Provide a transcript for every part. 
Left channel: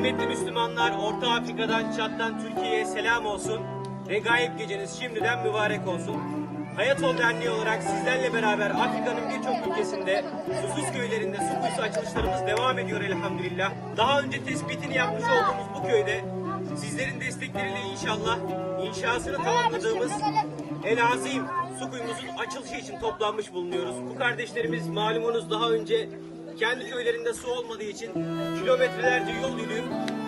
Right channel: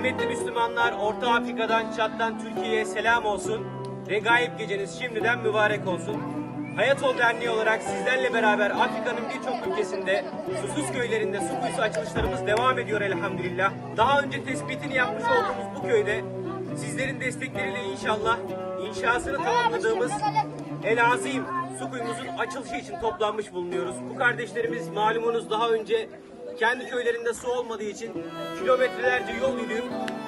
Kıymetli Müslümanlar, Orta Afrika'dan, Çat'tan Türkiye'ye selam olsun. Regaib geceniz şimdiden mübarek olsun. Hayat Ol Derneği olarak sizlerle beraber Afrika'nın birçok ülkesinde susuz köylerinde su kuyusu açılışlarımız devam ediyor elhamdülillah. Daha önce tespitini yapmış olduğumuz bu köyde sizlerin destekleriyle inşallah inşasını tamamladığımız El Azim su kuyumuzun açılışı için toplanmış bulunuyoruz. Bu kardeşlerimiz malumunuz daha önce kendi köylerinde su olmadığı için kilometrelerce yol yürüyüp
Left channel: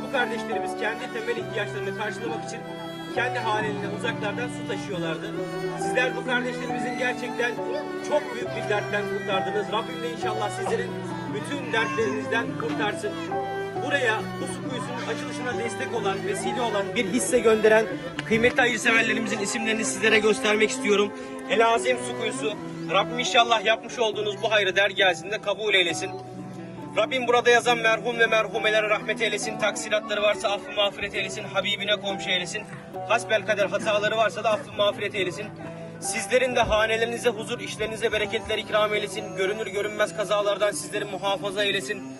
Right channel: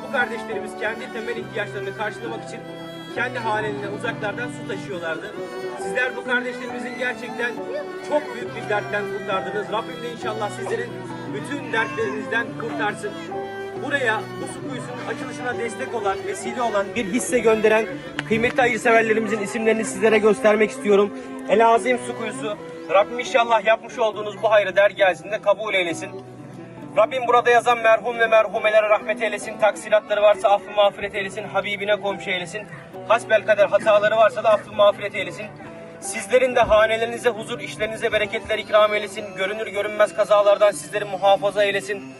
bu kardeşlerimiz kendi temel ihtiyaçlarını karşılamak için kendi hanelerinden uzaklardan su taşıyorlardı. Sizler bu kardeşlerimizin gerçekten çok büyük bir dertten kurtardınız. Rabbim de inşallah sizlerin bütün dertlerinizden kurtarsın. Buraya bu su kuyusunun açılışına destek olan, vesile olan bir hisse gönderen kıymetli hayırseverlerimizin isimlerini sizlere göstermek istiyorum. El Azim Su Kuyusu. Rabbim inşallah yapmış olduğunuz bu hayrı dergahında kabul eylesin. Rabbim burada yazan merhum ve merhumelere rahmet eylesin. Taksiratları varsa affı mağfiret eylesin. Habibine komşu eylesin. Hasbel kader hataları varsa da affı mağfiret eylesin. Sizlerin de hanelerinize huzur, işlerinize bereketler ikram eylesin. Görünür görünmez kazalardan sizleri muhafaza eylesin.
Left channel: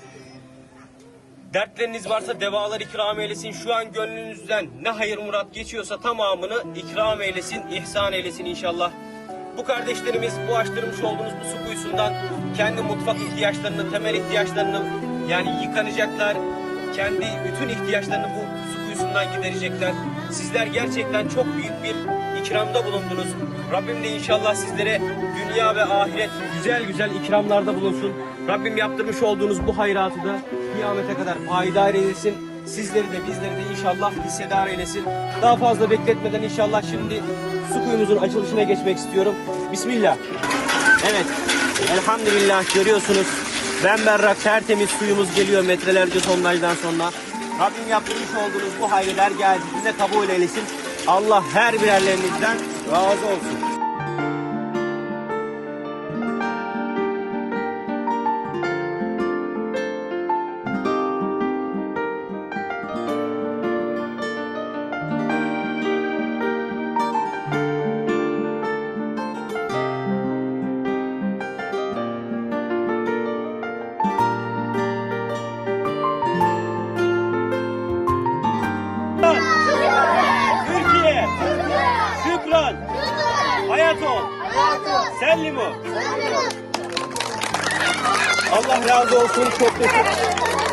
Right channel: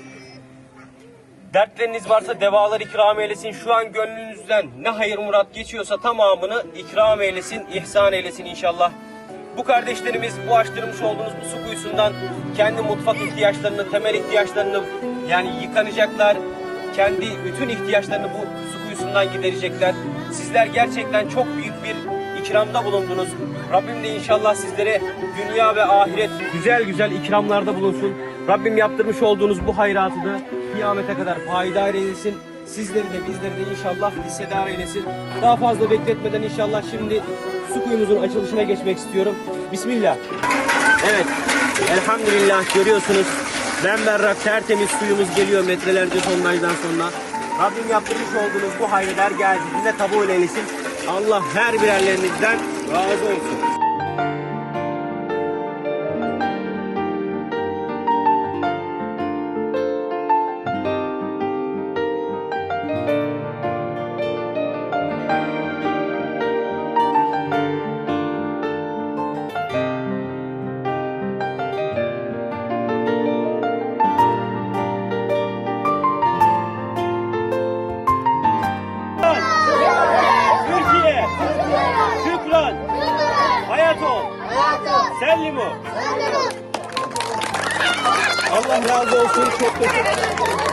Dertleriniz varsa devalar ikram eylesin. Şu an gönlünüzden ne hayır murat geçiyorsa tamamını ikram eylesin, ihsan eylesin inşallah. Bu kardeşlerimiz bu açtırmış olduğunuz bu su kuyusundan kendi mutfak ihtiyaçlarını, temel ihtiyaçlarını yani yıkanacaklar. Kendi bütün ihtiyaçlarını bu su kuyusundan giderecekler. Sizler gerçekten çok büyük bir ikramda bulundunuz. Rabbim de inşallah sizlere dünya ve ahiret güzel güzel ikramlarda bulunsun. Rabbim yaptırmış olduğunuz bu hayratı da kıyamete kadar payidar eylesin. Sizleri de bizleri de inşallah hissedar eylesin. Daha fazla bekletmeden inşallah şimdi su kuyumuzun açılışına geçmek istiyorum. Bismillah. Evet. Elhamdülillah görüyorsunuz. Bemberrak tertemiz suyumuz geliyor metrelerce tonajdan sonra. Rabbim yaptırmış olduğunuz bu hayırlar geldi. Bize kabul eylesin. Allah her birerlerinizden razı olsun. Şükran, hayat ol, sellimu. Allah razı olsun. Çok teşekkür ederim.